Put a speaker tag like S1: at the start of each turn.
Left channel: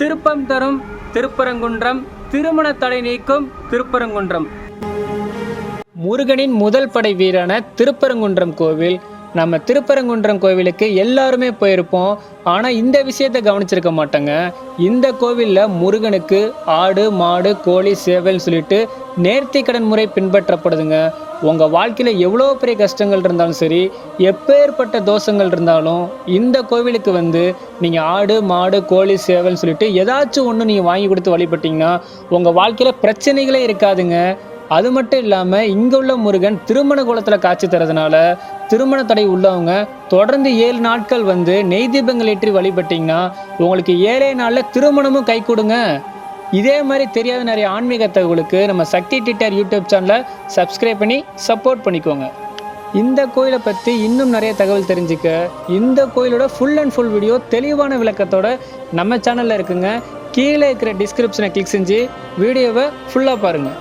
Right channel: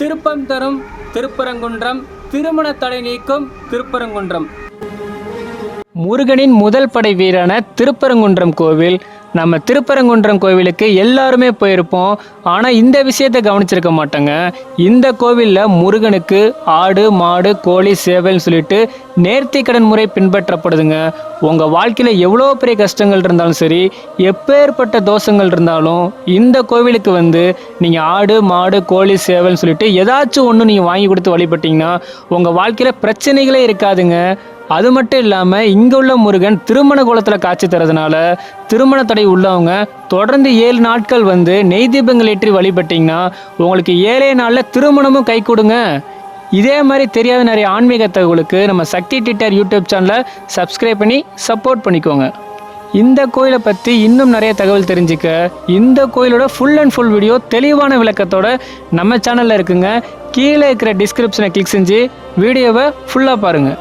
S1: திருப்பம் தரும் திருப்பரங்குன்றம் திருமண தடை நீக்கும் திருப்பரங்குன்றம். முருகனின் முதல் படை வீரான திருப்பரங்குன்றம் கோவில் நம்ம திருப்பரங்குன்றம் கோவிலுக்கு எல்லாருமே போயிருப்போம். ஆனால் இந்த விஷயத்தை கவனிச்சிருக்க மாட்டாங்க. இந்த கோவிலில் முருகனுக்கு ஆடு மாடு கோழி சேவல்னு சொல்லிட்டு நேர்த்தி கடன் முறை பின்பற்றப்படுதுங்க. உங்கள் வாழ்க்கையில் எவ்வளோ பெரிய கஷ்டங்கள் இருந்தாலும் சரி எப்பேற்பட்ட தோஷங்கள் இருந்தாலும் இந்த கோவிலுக்கு வந்து நீங்கள் ஆடு மாடு கோழி சேவல்னு சொல்லிட்டு ஏதாச்சும் ஒன்று நீங்கள் வாங்கி கொடுத்து வழிபட்டிங்கன்னா உங்கள் வாழ்க்கையில் பிரச்சனைகளே இருக்காதுங்க. அது மட்டும் இல்லாமல் இங்கே உள்ள முருகன் திருமண குலத்தில் காட்சி தரதுனால திருமண தடை உள்ளவங்க தொடர்ந்து ஏழு நாட்கள் வந்து நெய் தீபங்கள் ஏற்றி வழிபட்டிங்கன்னா உங்களுக்கு ஏழே நாளில் திருமணமும் கை கொடுங்க. இதே மாதிரி தெரியாத நிறைய ஆன்மீக தகவலுக்கு நம்ம சக்தி டிட்டர் யூடியூப் சேனலை சப்ஸ்கிரைப் பண்ணி சப்போர்ட் பண்ணிக்கோங்க. இந்த கோயிலை பற்றி இன்னும் நிறைய தகவல் தெரிஞ்சுக்க இந்த கோயிலோட ஃபுல் அண்ட் ஃபுல் வீடியோ தெளிவான விளக்கத்தோட நம்ம சேனலில் இருக்குங்க. கீழே இருக்கிற டிஸ்கிரிப்ஷனை கிளிக் செஞ்சு வீடியோவை ஃபுல்லாக பாருங்கள்